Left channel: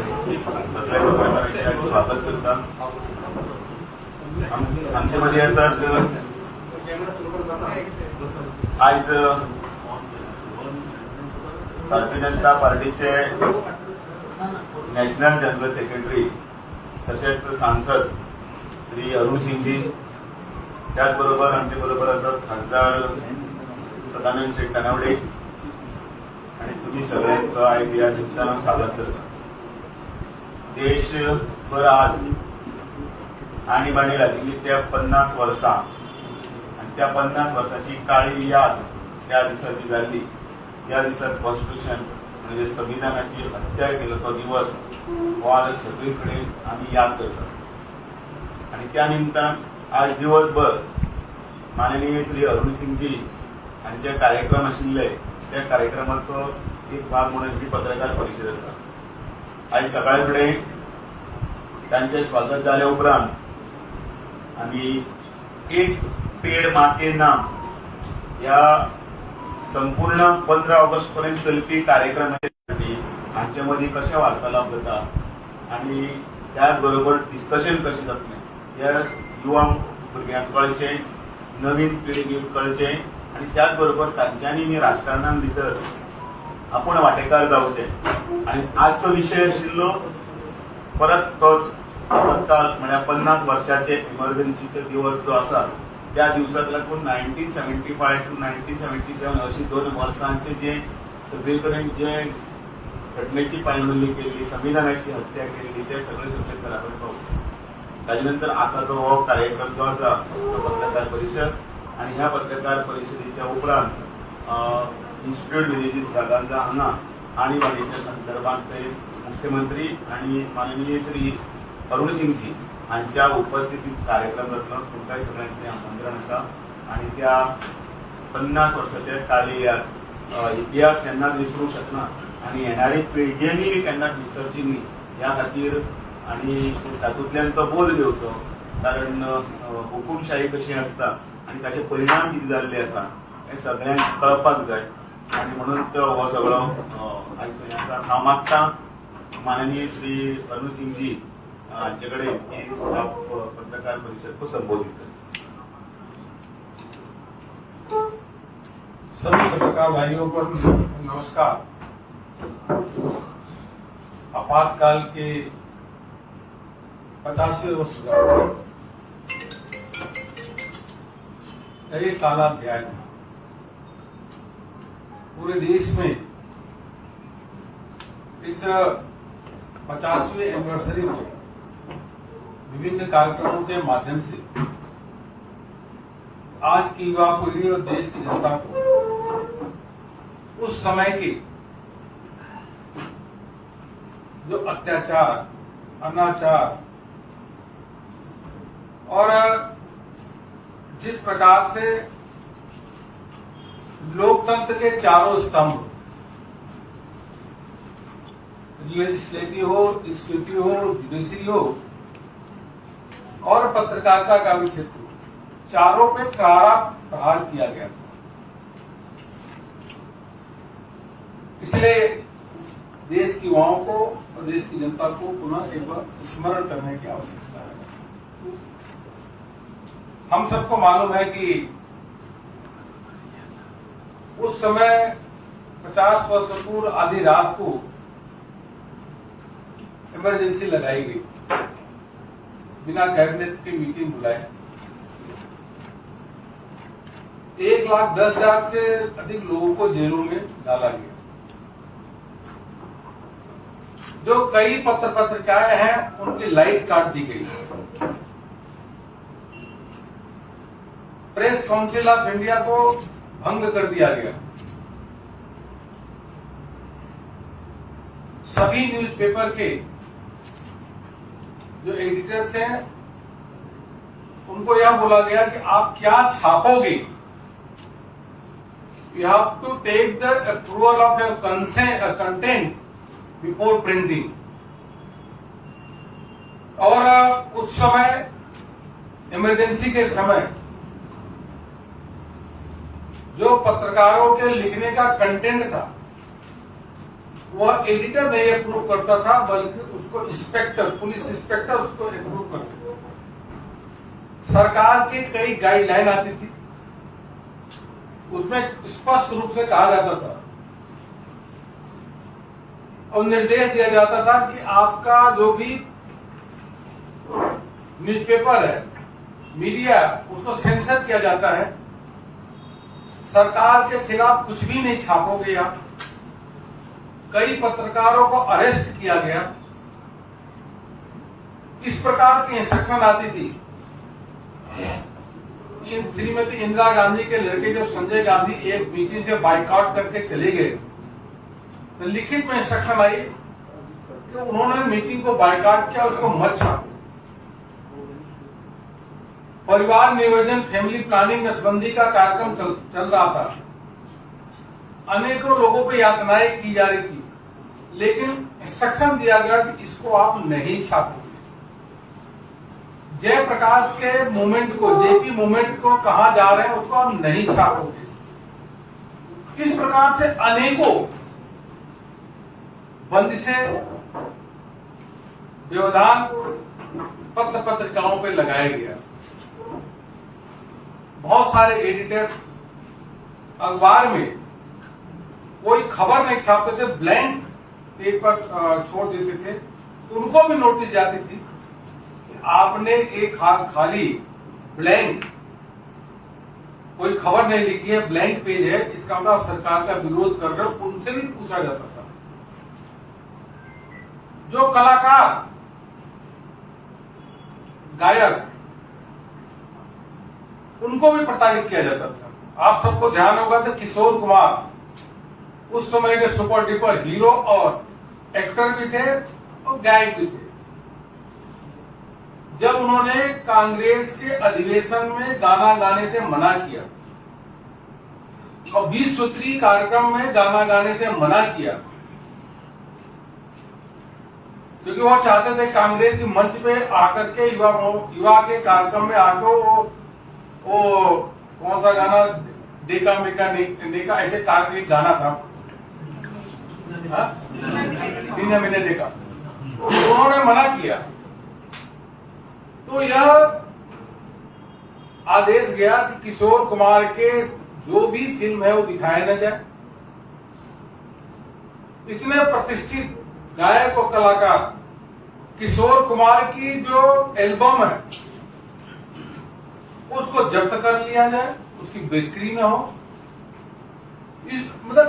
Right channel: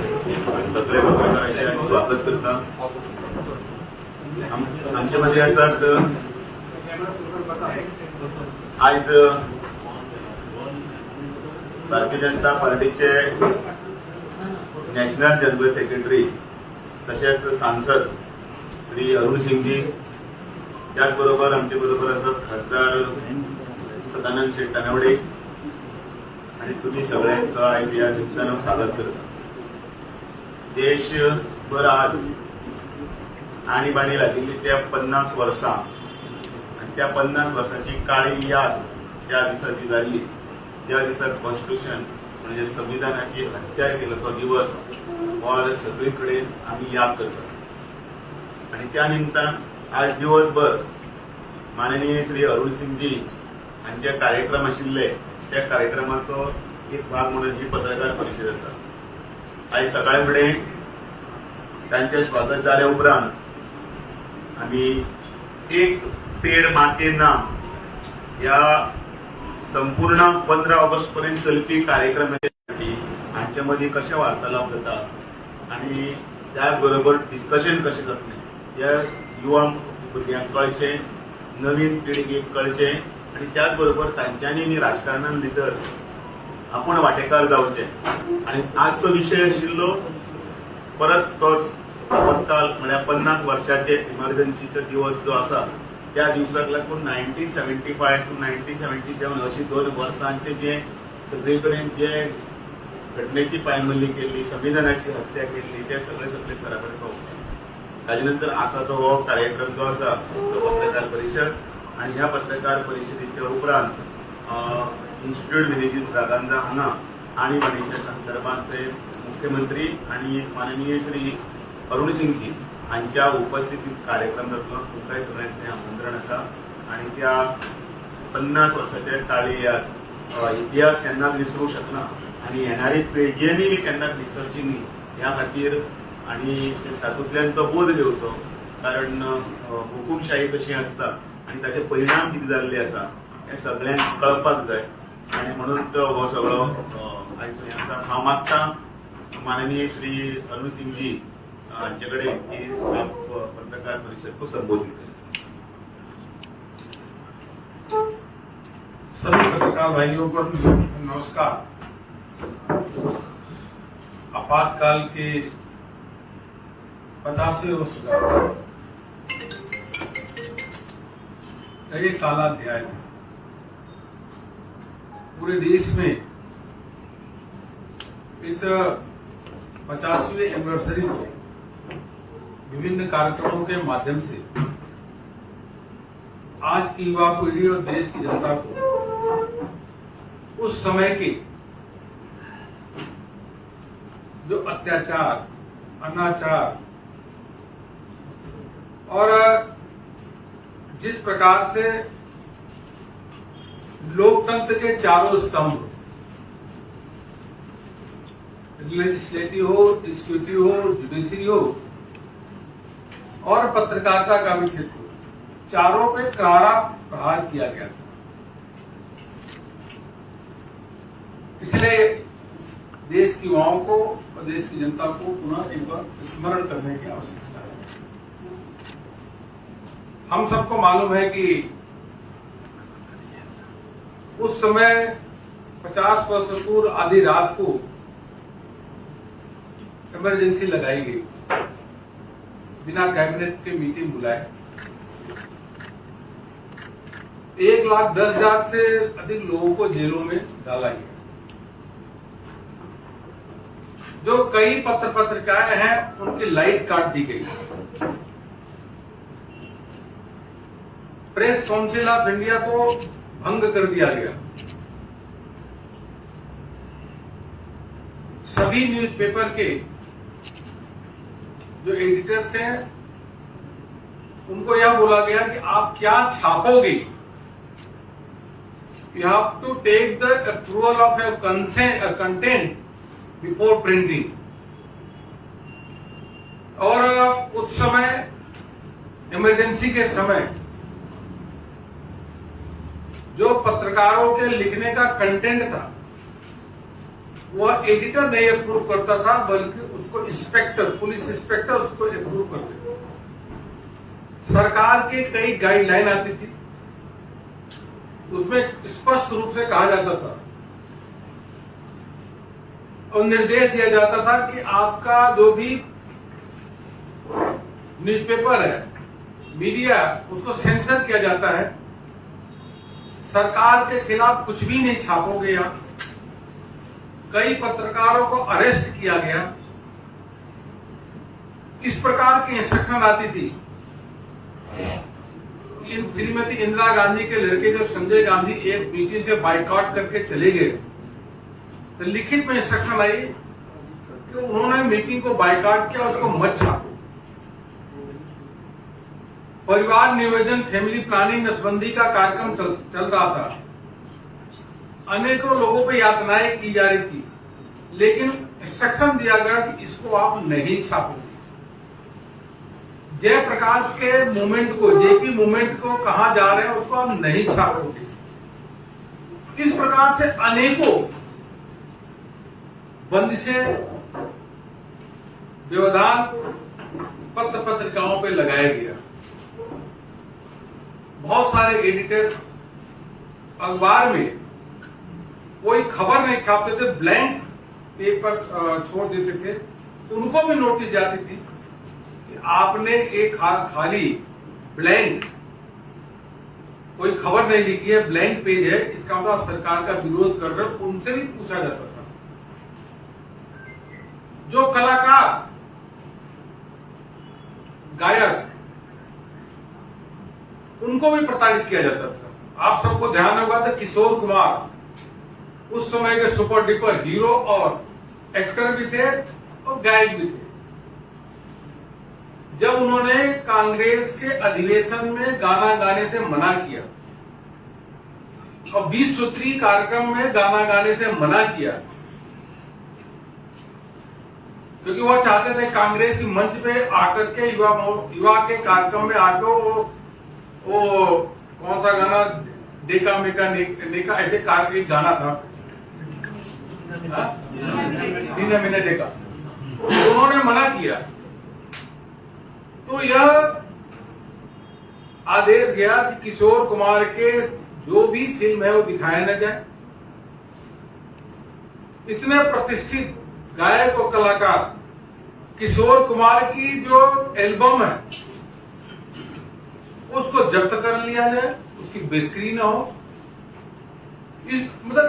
सगळे पत्रकारांचे स्वागत करता. आमचे मध्ये आसात आज भारतीय जनता पार्टीचे नॅशनल जनरल सेक्रेटरी तसेच सांसद श्री अरुण सिंगजी, त्याचबरोबर आमचे बरोबर असत खासदार सदानंद शेठ तानावडे आणि तुम्ही सगळ्यांक आज या निमित्तानं स्वागत करता. देशभर आज आणीबाणी लागली त्या 50 वर्सां आणि त्या 50 वर्सांची काळी याद त्या दिसाची जाल्ली, ज्या दिसाक कॉन्स्टिट्यूशन म्हणजे संविधानाची हत्या केलो तो दिवस हो आज सगळीकडे आम्ही याद करतात. आणि त्या निमतान आज दिवसभर माननीय श्री अरुण सिंगजी हांचे कार्यक्रम आशिल्ले त्या कार्यक्रमाचो एक भाग म्हणून ही पत्रकार परिशद आसा. आज सकाळी फुडें तांचे स्वागत जाल्या उपरांत आम्ही एक पेड माँ के नाम या संपूर्ण 15 ऑगस्ट पर्यंत चलपी कार्यक्रमासाठी हांचे मदीं कशें वार्तालाप जाता आणि त्याचबरोबर डिस्कशन कशें जातलें या युवा भुरग्यांक कळचें, नवीन पिळगेक कळचें आणि त्याचबरोबर तांच्यांनी मी राजकारणान भितर आपण वांटेकार जावचें. आणि आजचो विशय आशिल्लो परत तोच आपत्काल म्हळ्यार 50 वर्षाचे इमर्जन्सीचो दिवस जो आसा त्या दिवसाक लागून 1975 to 1977 अशी 2 वर्सांचे जे सगळे कडेन जे घटनेची पायमल्ली केल्ली, संविधानाची हत्या केल्ली ते सगळे स्तराकडे पावले. ताजे नंतर आताचो हो कार्यक्रम जो आसा तो पत्रकार परिशद आणि ह्या पत्रकार परिशदेच्या उपरांत इन्स्टिट्यूट विलेजीस रागांजा हांगा आणीबाणीच्या संदर्भात मुख्यमंत्री आणि माननीय श्री अरुण सिंगजी हांच्या उपस्थितीत कार्यक्रम जातलो. तुमकांय सगळ्यांचे आमंत्रण आसा आणि त्या 50 वर्सांचे काळी याद इतिहास केन्नाच विसरूं शकना आणि येणारी पिळगेनी केन्नाच विसरची न्ही ह्या खातीर आणि तातूंतल्यान तो बोध घेवचो. कारण हुकूमशाही कशी आसता आणि ताचे परिणाम कितें जाल्ले आसा हे सगळ्यांक कळपाक जाय आणि म्हणून तो हो सगळो आयज हें आसा. हांव मागतां माननीय श्री अरुण सिंगजी हांचे कडेन ही पत्रकार परिषद को संबोधित करें. सभी पत्रकार भाइयों को नमस्कार. आपातकाल के 50वें वर्षगांठ एक काला अध्याय था. पूरे देश में इस 50वें एनिवर्सरी में विभिन्न कार्यक्रमों के माध्यम से आज की युवा पीढ़ी और देश की जनता को उस समय के जो अत्याचार, अनाचार और जिस प्रकार से लोकतंत्र के चारों स्तंभ लेजिस्लेटिव हो, एग्जीक्यूटिव हो, जुडिशरी हो और पत्रकारिता का भी क्षेत्र, चारों पे करारा प्रहार किया गया था. इसलिए देश की युवाओं को और देश की जनता को पुनः एक बार स्मरण करने की आवश्यकता है. हम सबको मालूम है कि उस समय 50 वर्ष पूर्व आधी रात को इमरजेंसी लगाई गई बिना कैबिनेट की मीटिंग बुलाए. 1,10,000 से अधिक लोगों को जेलों में डाला गया. जो कई पत्रिकाएं हैं उनकी लाइट काट दी गई. प्रेस काउंसिल ऑफ इंडिया को भंग कर दिया गया. सभी न्यूज़पेपर के जो एडिटर्स हैं उनको यह बोला गया कि आप क्या छापोगे, you have to take the approval of your content before printing. और उस समय इमरजेंसी के समय जो पत्रकारों के लिखने का कंटेंट था वह एडिटर नहीं अप्रूव करता था, बल्कि उसको इंस्पेक्टर, पुलिस इंस्पेक्टर उसको अप्रूव करते थे। सरकार के कई गाइडलाइन आती थी, उसमें स्पष्ट रूप से कहा जाता था और निर्देश दिया जाता था कि आपका जो भी न्यूज़पेपर है, मीडिया, उसको सेंसर किया जाता है। सरकार के खिलाफ कुछ भी नहीं छापोगे आप। कई पत्रकारों को अरेस्ट किया गया। इस प्रकार की इंस्ट्रक्शन आती थी। श्रीमती इंदिरा गांधी के लड़के जो संजय गांधी एक मीटिंग से बाइकआउट करके चले गए, तो लिखित में इंस्ट्रक्शन आई कि उन्होंने मीटिंग को बाइकआउट किया, उसको मत छापो। परिवार नियोजन, फैमिली प्लानिंग, नसबंदी का कार्यक्रम चल रहा था। अनेकों लोगों पे यातनाएं की जा रही थी, लेकिन इंस्ट्रक्शन दिया गया कि इसको आप नहीं छापोगे। जयप्रकाश के मूवमेंट को, जेपी मूवमेंट को कहां जा रहे हैं उसको आप नहीं छापोगे। इस प्रकार से अनेकों बंदिशें, व्यवधान पत्र पत्रिकाओं पे लगाया गया। बहुत सारे एडिटर्स अखबार में कोई खबर नहीं छापते थे, ब्लैंक पेपर छोड़ देते थे। उनको भी नोटिस जाती थी कि आपने एक खाली ब्लैंक, कोई खबर नहीं लिखी है, ब्लैंक पेज है, इसका मतलब आप सरकार का विरोध कर रहे हो। उनसे भी पूछा जाता था। जो कलाकार, गायक, उनको भी प्रताड़ित किया जाता था। आप सबको ध्यान होगा तो किशोर कुमार उस समय के सुपर डुपर हीरो और एक्टर भी थे और गायक भी थे। जब उन्होंने कांग्रेस के अधिवेशन में गाना गाने से मना किया और 20 सूत्री कार्यक्रम में गाना गाने से मना किया, क्योंकि वो चाहते थे कांग्रेस की मंच पे आकर के युवा के कार्यक्रम में आकर वो कौन सा गाना, डेका मेका नेका, ऐसे एक गाना था, नीना मीना डेका, तो उन्होंने मना किया। तो यह आदेश गया कि किशोर कुमार के जो भी फिल्म है वो दिखाया न जाए। इतने प्रतिष्ठित गायक और कलाकार किशोर कुमार की जो एल्बम है उसको जब्त कर लिया जाए, उसकी बिक्री न हो।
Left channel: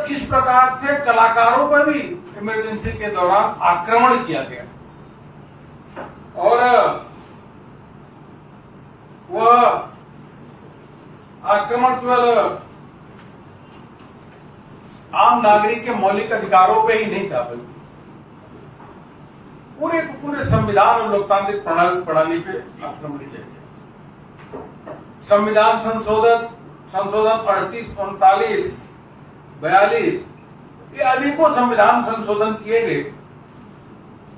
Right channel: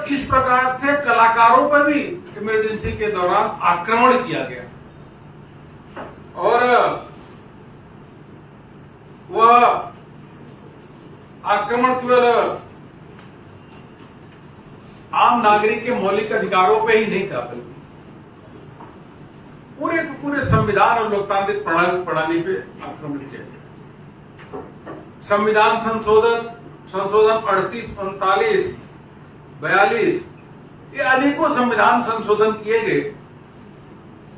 इस प्रकार से कलाकारों पर भी इमरजेंसी के दौरान आक्रमण किया गया और वह आक्रमण केवल आम नागरिक के मौलिक अधिकारों पे ही नहीं था, बल्कि पूरे संविधान और लोकतांत्रिक प्रणाली पे आक्रमण किया गया। संविधान संशोधन 38, 39, 42, ये अनेकों संविधान संशोधन किए गए,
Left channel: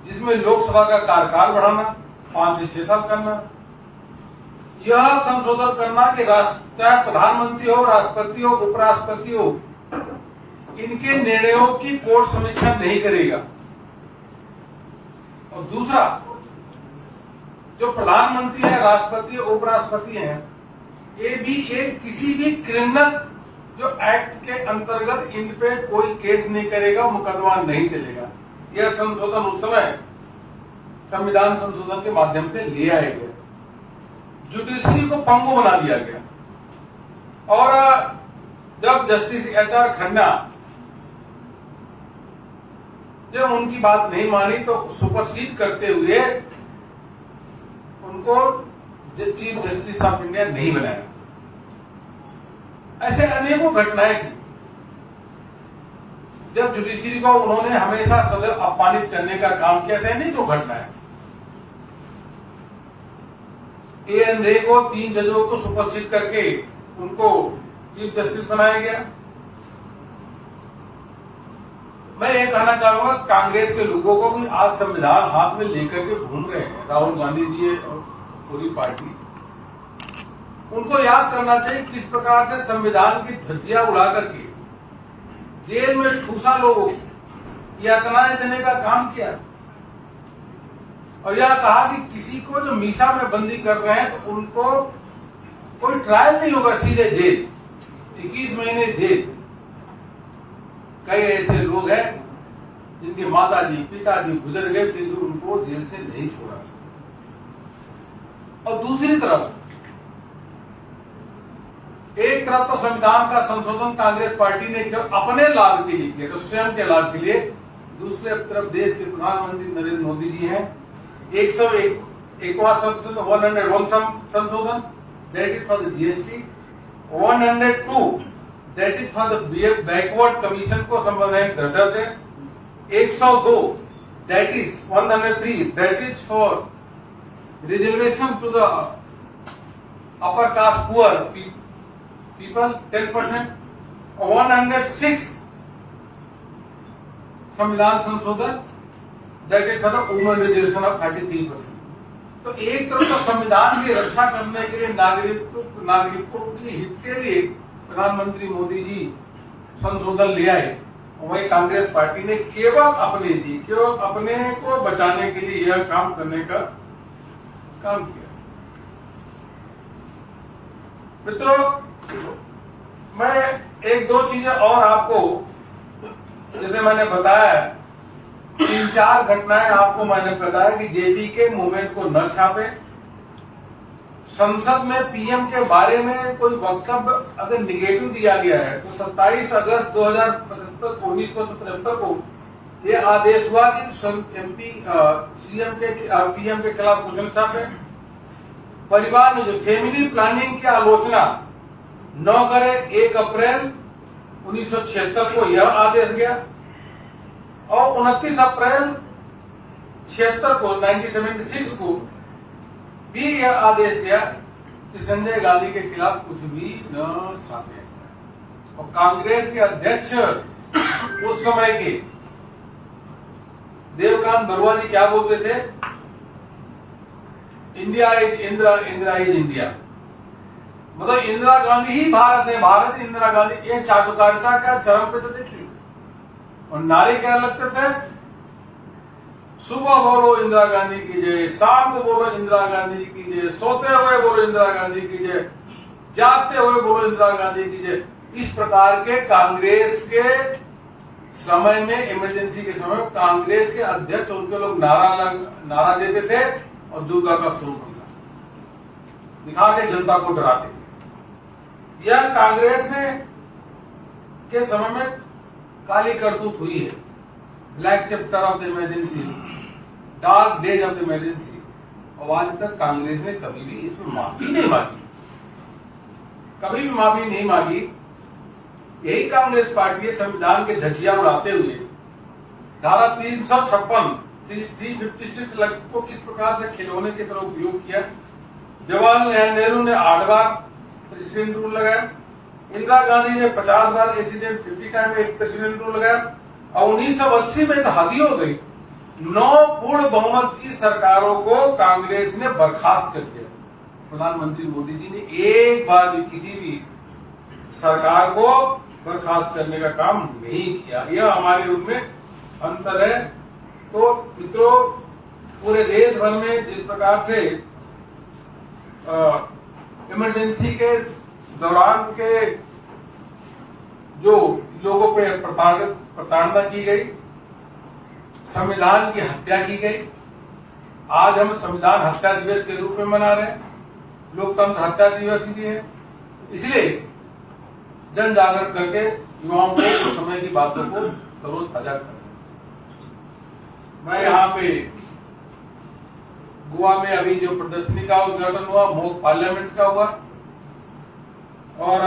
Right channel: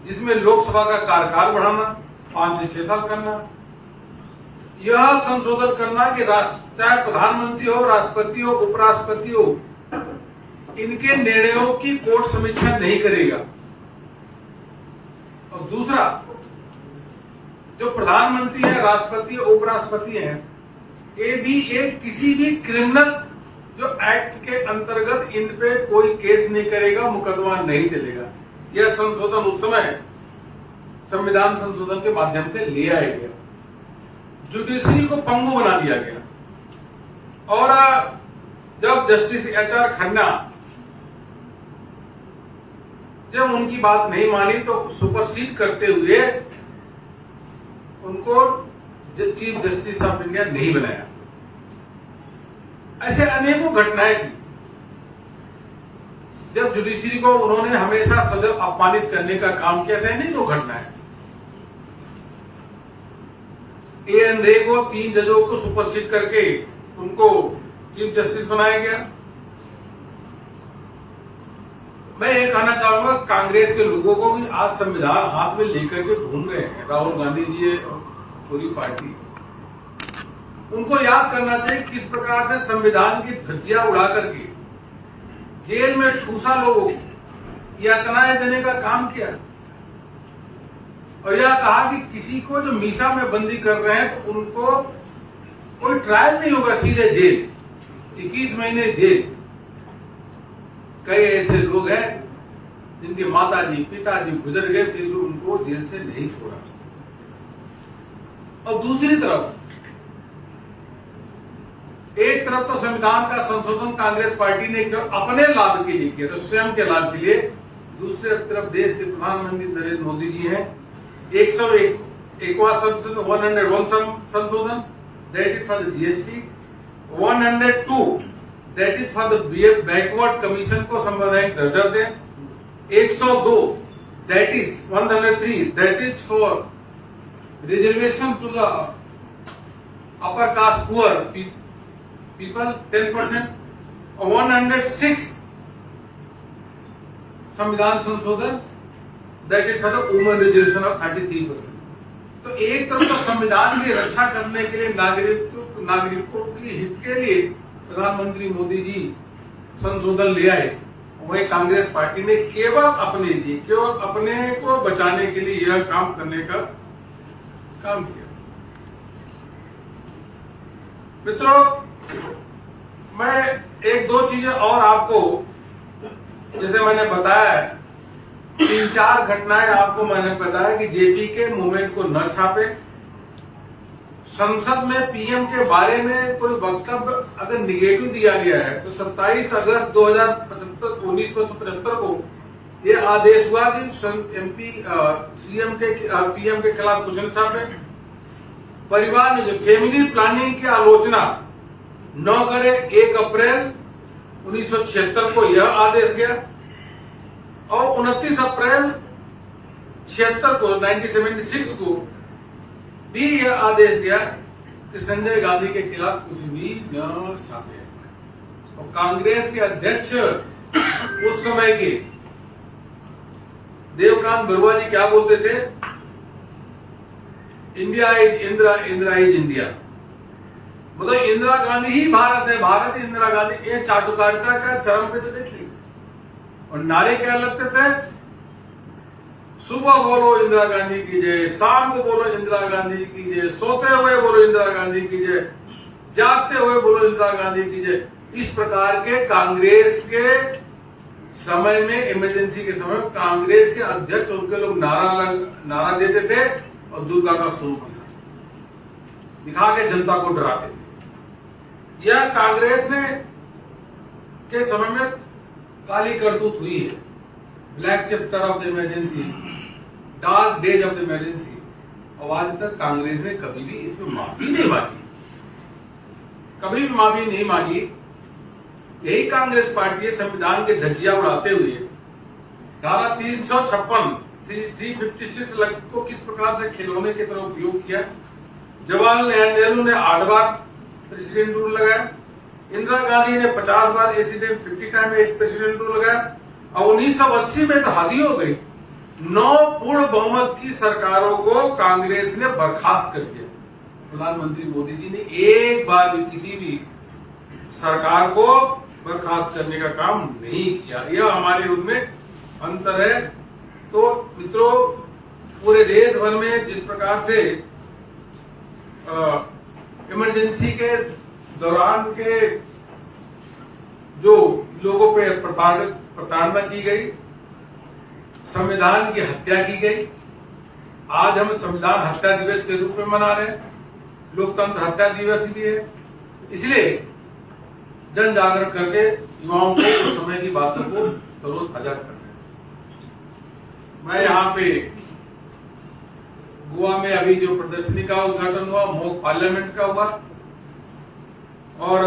जिसमें लोकसभा का कार्यकाल बढ़ाना, 5 से 6 साल करना, यह संशोधन करना कि चाहे प्रधानमंत्री हो, राष्ट्रपति हो, उपराष्ट्रपति हो, इनके निर्णयों की कोर्ट समीक्षा नहीं करेगा। और दूसरा, जो प्रधानमंत्री है, राष्ट्रपति, उपराष्ट्रपति हैं, ये भी एक किसी भी क्रिमिनल जो एक्ट के अंतर्गत इन पे कोई केस नहीं करेगा, मुकदमा नहीं चलेगा। यह संशोधन उस समय संविधान संशोधन के माध्यम से ले आया गया। जुडिशरी को पंगु बना दिया गया और जब जस्टिस HR खन्ना जब उनकी बात नहीं मानी तो सुपरसीड करते हुए उनको चीफ जस्टिस ऑफ इंडिया नहीं बनाया। ऐसे अनेकों घटनाएं थी जब जुडिशरी को उन्होंने हमेशा सदैव अपमानित करने का काम किया। ऐसे अनेकों घटनाएं। AN रे को 3 जजों को सुपरसीड करके उनको चीफ जस्टिस बनाया गया। मैं ये कहना चाहूंगा, कांग्रेस के लोगों को भी आज संविधान हाथ में लेकर के घूम रहे हैं, राहुल गांधी जी और पूरी पार्टी, उनको याद करना चाहिए किस प्रकार से संविधान की धज्जियां उड़ा करके जेल में ठूसा लोगों को यातनाएं देने का काम किया। और यह कहा कि किसी को जो मीसा में बंदी कर रहे हैं तो उनको कोई ट्रायल नहीं होगा, सीधे जेल, 21 महीने जेल। कई ऐसे लोग हैं जिनके माताजी पिताजी गुजर गए, फिर भी उनको जेल से नहीं छोड़ा। और दूसरी तरफ, एक तरफ तो संविधान का संशोधन कांग्रेस पार्टी ने केवल अपने लाभ के लिए किया, तो स्वयं के लाभ के लिए। दूसरे तरफ देश के प्रधानमंत्री नरेंद्र मोदी जी हैं, 101वां संशोधन, that is for the GST, 102 that is for the backward commission को संवैधानिक दर्जा दें, 102 that is 103 that is for reservation to the upper caste poor people 10%, और 106 संविधान संशोधन that is for the women reservation of 33%। तो एक तरफ तो संविधान की रक्षा करने के लिए नागरिकों के हित के लिए प्रधानमंत्री मोदी जी संशोधन ले आए, और वही कांग्रेस पार्टी ने केवल अपने को बचाने के लिए यह काम करने का काम किया। मित्रों, मैं एक दो चीजें और आपको, जैसे मैंने बताया 3-4 घटनाएं आपको मैंने बताया कि जेपी के मूवमेंट को न छापे, संसद में पीएम के बारे में कोई वक्तव्य अगर निगेटिव दिया गया है तो 27 अगस्त 1975 को यह आदेश हुआ कि पीएम के खिलाफ कुछ न छापे। परिवार में जो फैमिली प्लानिंग की आलोचना न करे, 1 अप्रैल 1976 को यह आदेश गया, और 29 अप्रैल 1976 को भी यह आदेश गया कि संजय गांधी के खिलाफ कुछ भी न छापे। और कांग्रेस के अध्यक्ष उस समय के देवकांत बरुआ जी क्या बोलते थे? India is Indira, Indira is India, मतलब इंदिरा गांधी ही भारत है, भारत इंदिरा गांधी। ये चाटुकारिता का चरम पे तो देखिए। और नारे क्या लगते थे? सुबह बोलो इंदिरा गांधी की जय, शाम को बोलो इंदिरा गांधी की जय, सोते हुए बोलो इंदिरा गांधी की जय, जागते हुए बोलो इंदिरा गांधी की जय। इस प्रकार के कांग्रेस के समय में, इमरजेंसी के समय में कांग्रेस के अध्यक्ष उनके लोग नारा देते थे और दुर्गा का स्वरूप दिखा के जनता को डराते थे। यह कांग्रेस ने के समय में काली करतूत हुई है। Black chapter of the emergency, dark days of the emergency. और आज तक कांग्रेस ने कभी भी इसमें माफी नहीं मांगी, कभी भी माफी नहीं मांगी। यही कांग्रेस पार्टी है संविधान के धज्जियां उड़ाते हुए धारा 356 को किस प्रकार से खिलौने की तरह उपयोग किया। जवाहरलाल नेहरू ने 8 बार प्रेसिडेंट रूल लगाया, इंदिरा गांधी ने 50 बार प्रेसिडेंट 50 टाइम एक प्रेसिडेंट रूल लगाया, और 1980 में तो हद ही हो गई, 9 पूर्ण बहुमत की सरकारों को कांग्रेस ने बर्खास्त कर दिया। प्रधानमंत्री मोदी जी ने एक बार भी किसी भी सरकार को बर्खास्त करने का काम नहीं किया। यह हमारे रूप में अंतर है। तो मित्रों, पूरे देश भर में जिस प्रकार से इमरजेंसी के दौरान के जो लोगों पे प्रताड़ना की गई, संविधान की हत्या की गई, आज हम संविधान हत्या दिवस के रूप में मना रहे हैं, लोकतंत्र हत्या दिवस भी है। इसलिए जन जागरण करके युवाओं को उस समय की बातों को तरोताजा करना है। मैं यहाँ पे गोवा में अभी जो प्रदर्शनी का उद्घाटन हुआ, मॉक पार्लियामेंट का हुआ, और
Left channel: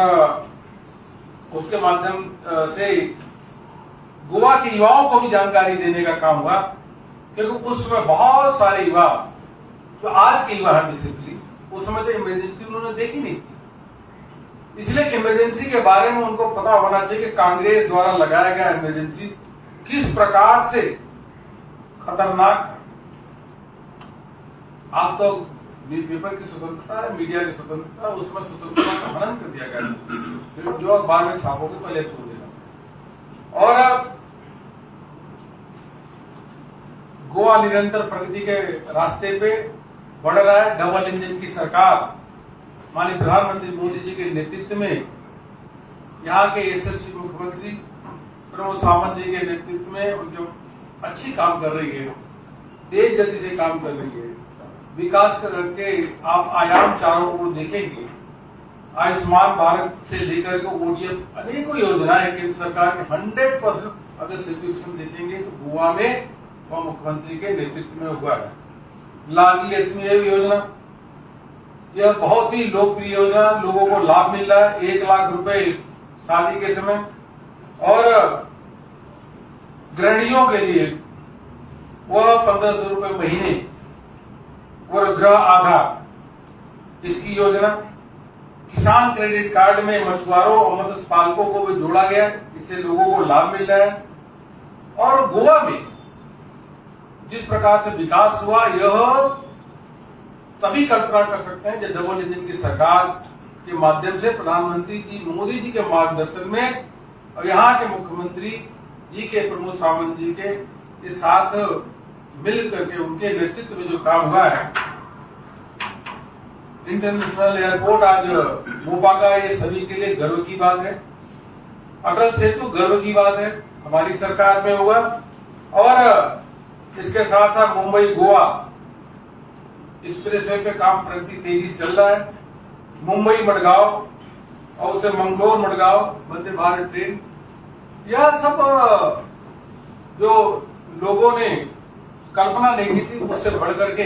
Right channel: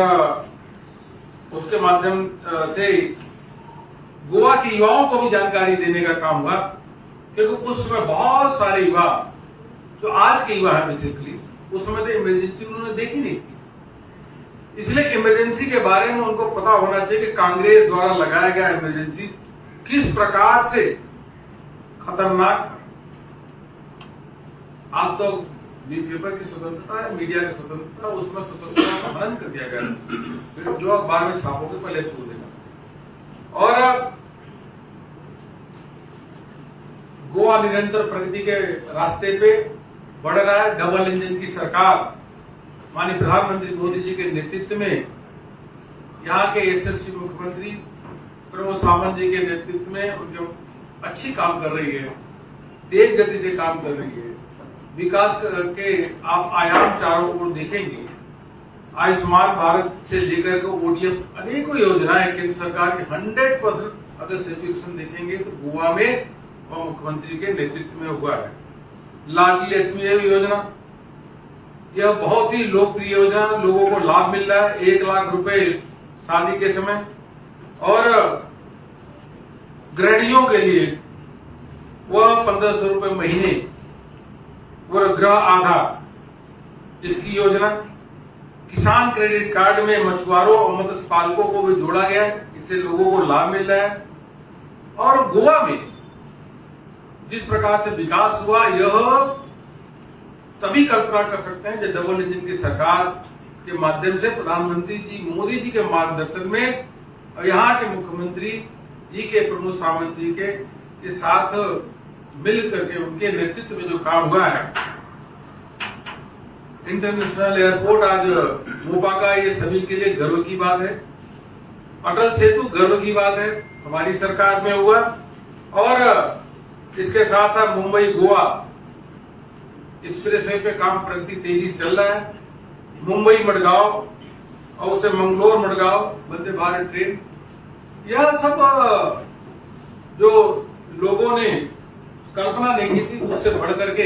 उसके माध्यम से गोवा के युवाओं को भी जानकारी देने का काम हुआ, क्योंकि उस समय बहुत सारे युवा जो आज के युवा है बेसिकली, उस समय तो इमरजेंसी उन्होंने देखी नहीं थी। इसलिए इमरजेंसी के बारे में उनको पता होना चाहिए कि कांग्रेस द्वारा लगाया गया इमरजेंसी किस प्रकार से खतरनाक। आप तो न्यूज़पेपर की स्वतंत्रता है, मीडिया की स्वतंत्रता, उसमें स्वतंत्रता का हनन कर दिया गया। फिर जो अखबार में छापोगे पहले खोल देना। और गोवा निरंतर प्रगति के रास्ते पे बढ़ रहा है। डबल इंजन की सरकार माननीय प्रधानमंत्री मोदी जी के नेतृत्व में, यहाँ के यशस्वी मुख्यमंत्री प्रमोद सावंत जी के नेतृत्व में उनके अच्छी काम कर रही है, तेज गति से काम कर रही है। विकास के आप आयाम चारों ओर देखेंगे, आयुष्मान भारत से लेकर के ओडीएफ अनेकों योजनाएं केंद्र सरकार के 100% अगर सिचुएशन देखेंगे तो गोवा में वह मुख्यमंत्री के नेतृत्व में हुआ है। लाडली लक्ष्मी योजना, यह बहुत ही लोकप्रिय योजना, लोगों को लाभ मिल रहा है। 1 लाख रुपए शादी के समय, और गृहिणियों के लिए वह 1500 रुपए महीने और गृह आधार इसकी योजना। किसान क्रेडिट कार्ड में मछुआरों और मत्स्य पालकों को भी जोड़ा गया है, इससे लोगों को लाभ मिल रहा है। और गोवा में जिस प्रकार से विकास हुआ, यह तभी कल्पना कर सकते हैं जब डबल इंजन की सरकार के माध्यम से प्रधानमंत्री जी मोदी जी के मार्गदर्शन में और यहाँ के मुख्यमंत्री जी के प्रमोद सावंत जी के साथ मिल करके उनके नेतृत्व में जो काम हुआ है। इंटरनेशनल एयरपोर्ट आज मोपा का, ये सभी के लिए गर्व की बात है। अटल सेतु गर्व की बात है, हमारी सरकार में हुआ। और इसके साथ साथ मुंबई गोवा एक्सप्रेसवे पे काम प्रगति तेजी से चल रहा है। मुंबई मडगांव और उसे मंगलोर मडगांव वंदे भारत ट्रेन, यह सब जो लोगों ने कल्पना नहीं की थी उससे बढ़ करके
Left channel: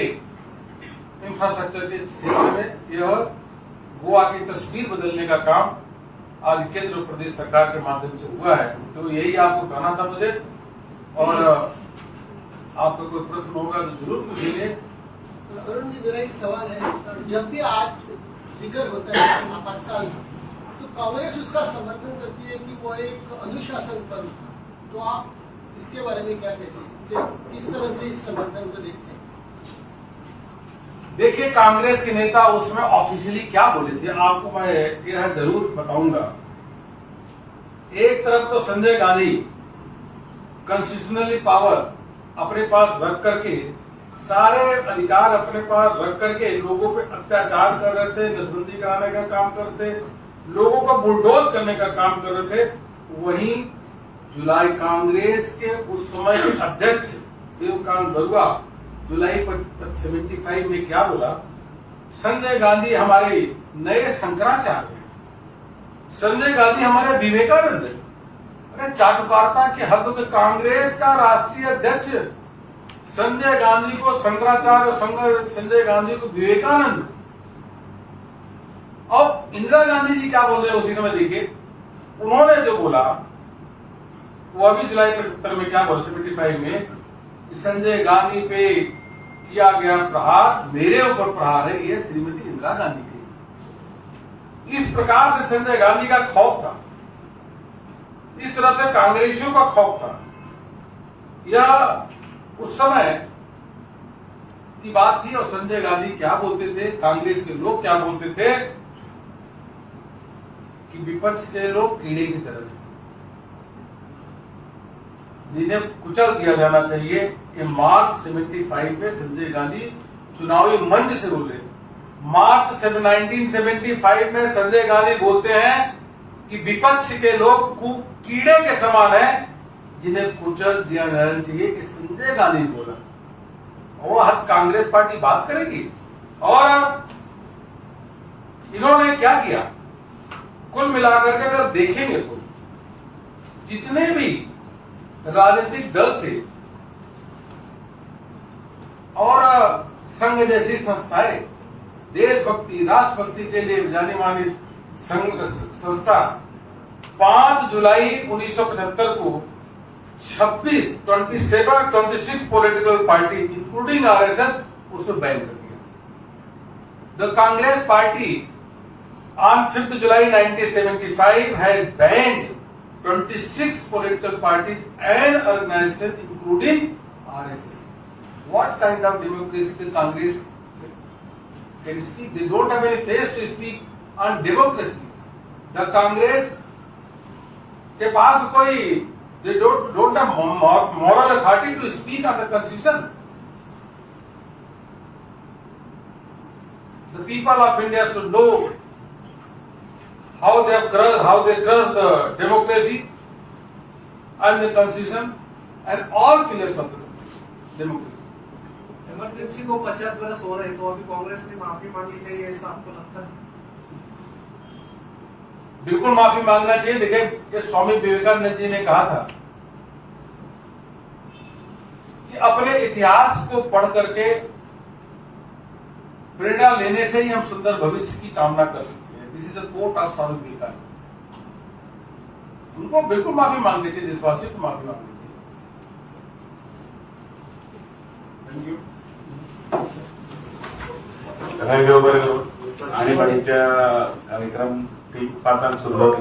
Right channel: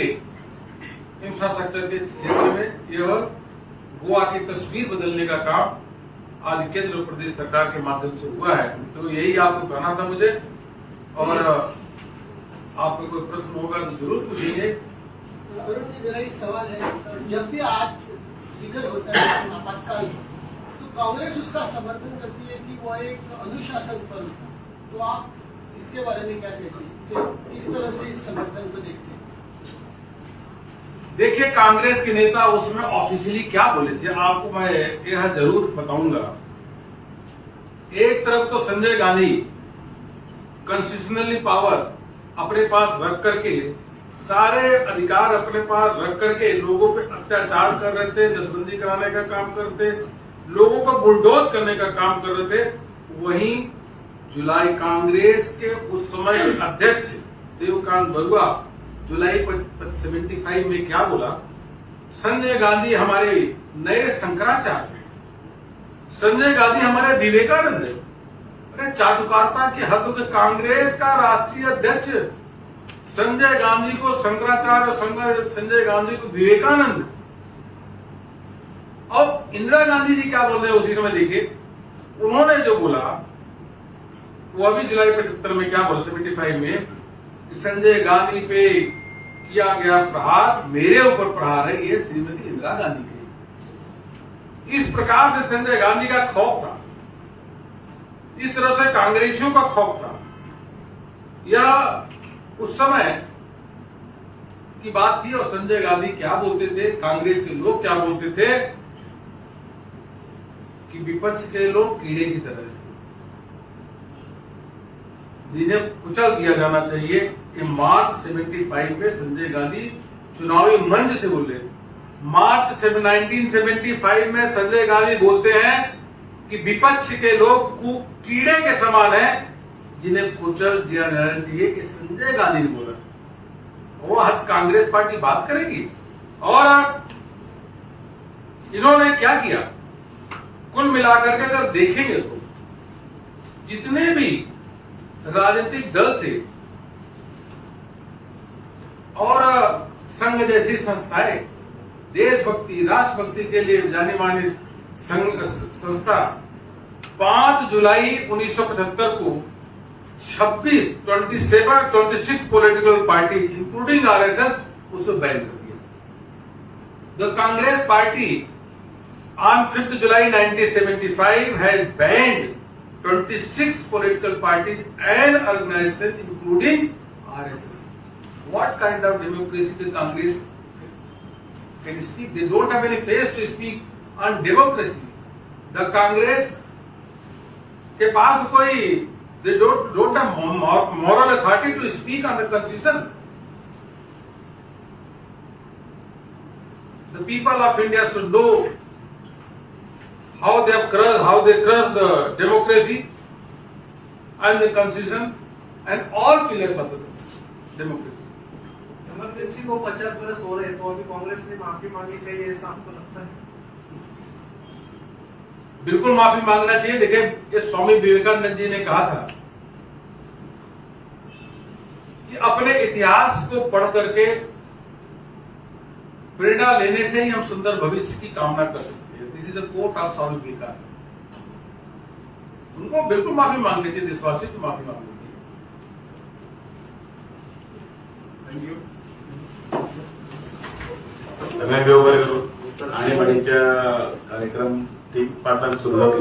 इंफ्रास्ट्रक्चर के क्षेत्र में यह गोवा की तस्वीर बदलने का काम आज केंद्र और प्रदेश सरकार के माध्यम से हुआ है। तो यही आपको कहना था मुझे, और आपको कोई प्रश्न होगा तो जरूर पूछेंगे। अरुण जी, मेरा एक सवाल है, जब भी आज जिक्र होता है आपातकाल, तो कांग्रेस उसका समर्थन करती है कि वो एक अनुशासन पर, तो आप इसके बारे में क्या कहते हैं? इस तरह से इस समर्थन को देखते हैं? देखिए, कांग्रेस के नेता उसमें ऑफिशियली क्या बोले थे आपको मैं यह जरूर बताऊंगा। एक तरफ तो संजय गांधी कॉन्स्टिट्यूशनली पावर अपने पास रख करके, सारे अधिकार अपने पास रख करके लोगों पे अत्याचार कर रहे थे, नसबंदी कराने का काम करते, लोगों को बुलडोज करने का काम कर रहे थे। वहीं जुलाई कांग्रेस के उस समय के अध्यक्ष देवकांत बरुआ जुलाई 75 में क्या बोला, संजय गांधी हमारे नए शंकराचार्य हैं, संजय गांधी हमारे विवेकानंद हैं। अरे चाटुकारिता की हद के कांग्रेस का राष्ट्रीय अध्यक्ष संजय गांधी को शंकराचार्य, संजय गांधी को विवेकानंद। और इंदिरा गांधी जी क्या बोल रहे हैं उसी समय देखिए, उन्होंने जो बोला वो अभी जुलाई 75 में क्या बोला, 75 में, संजय गांधी पे किया गया प्रहार मेरे ऊपर प्रहार है, ये श्रीमती इंदिरा गांधी की। इस प्रकार से संजय गांधी का खौफ था, इस तरह से कांग्रेसियों का खौफ था। यह उस समय की बात थी। और संजय गांधी क्या बोलते थे, कांग्रेस के लोग क्या बोलते थे कि विपक्ष के लोग कीड़े की तरह जिन्हें कुचल दिया जाना चाहिए। ये मार्च 75 में संजय गांधी चुनावी मंच से बोल रहे। मार्च 1975 में संजय गांधी बोलते हैं कि विपक्ष के लोग कीड़े के समान हैं जिन्हें कुचल दिया जाना चाहिए। कि संजय गांधी ने बोला, वो आज कांग्रेस पार्टी बात करेगी। और इन्होंने क्या किया, कुल मिलाकर के अगर देखेंगे तो जितने भी राजनीतिक दल थे और संघ जैसी संस्थाएं, देशभक्ति राष्ट्रभक्ति के लिए जानी मानी संस्था 5 जुलाई 1975 को 26 पॉलिटिकल पार्टी इंक्लूडिंग आरएसएस उसको बैन कर दिया। The Congress party on 5th July 1975 has banned 26 political parties and organizations including RSS. What kind of democracy the Congress can speak? They don't have any face to speak on democracy. The Congress के पास कोई they don't have moral authority to speak on the constitution. The people of India should know how they crushed the democracy and the constitution and all pillars of the democracy. Emergency को 50 बरस हो रहे तो अभी कांग्रेस ने माफी मांगनी चाहिए, ऐसा आपको लगता है? बिल्कुल माफी मांगना चाहिए। देखिए, ये स्वामी विवेकानंद जी ने कहा था कि अपने इतिहास को पढ़ करके प्रेरणा लेने से ही हम सुंदर भविष्य की कामना कर सकते हैं। This is a quote of Swami Vivekananda. उनको बिल्कुल माफी मांगनी चाहिए, देशवासी को माफी मांगनी चाहिए। Thank you. आणीबाणीच्या कार्यक्रम ठीक 5 सुरुवात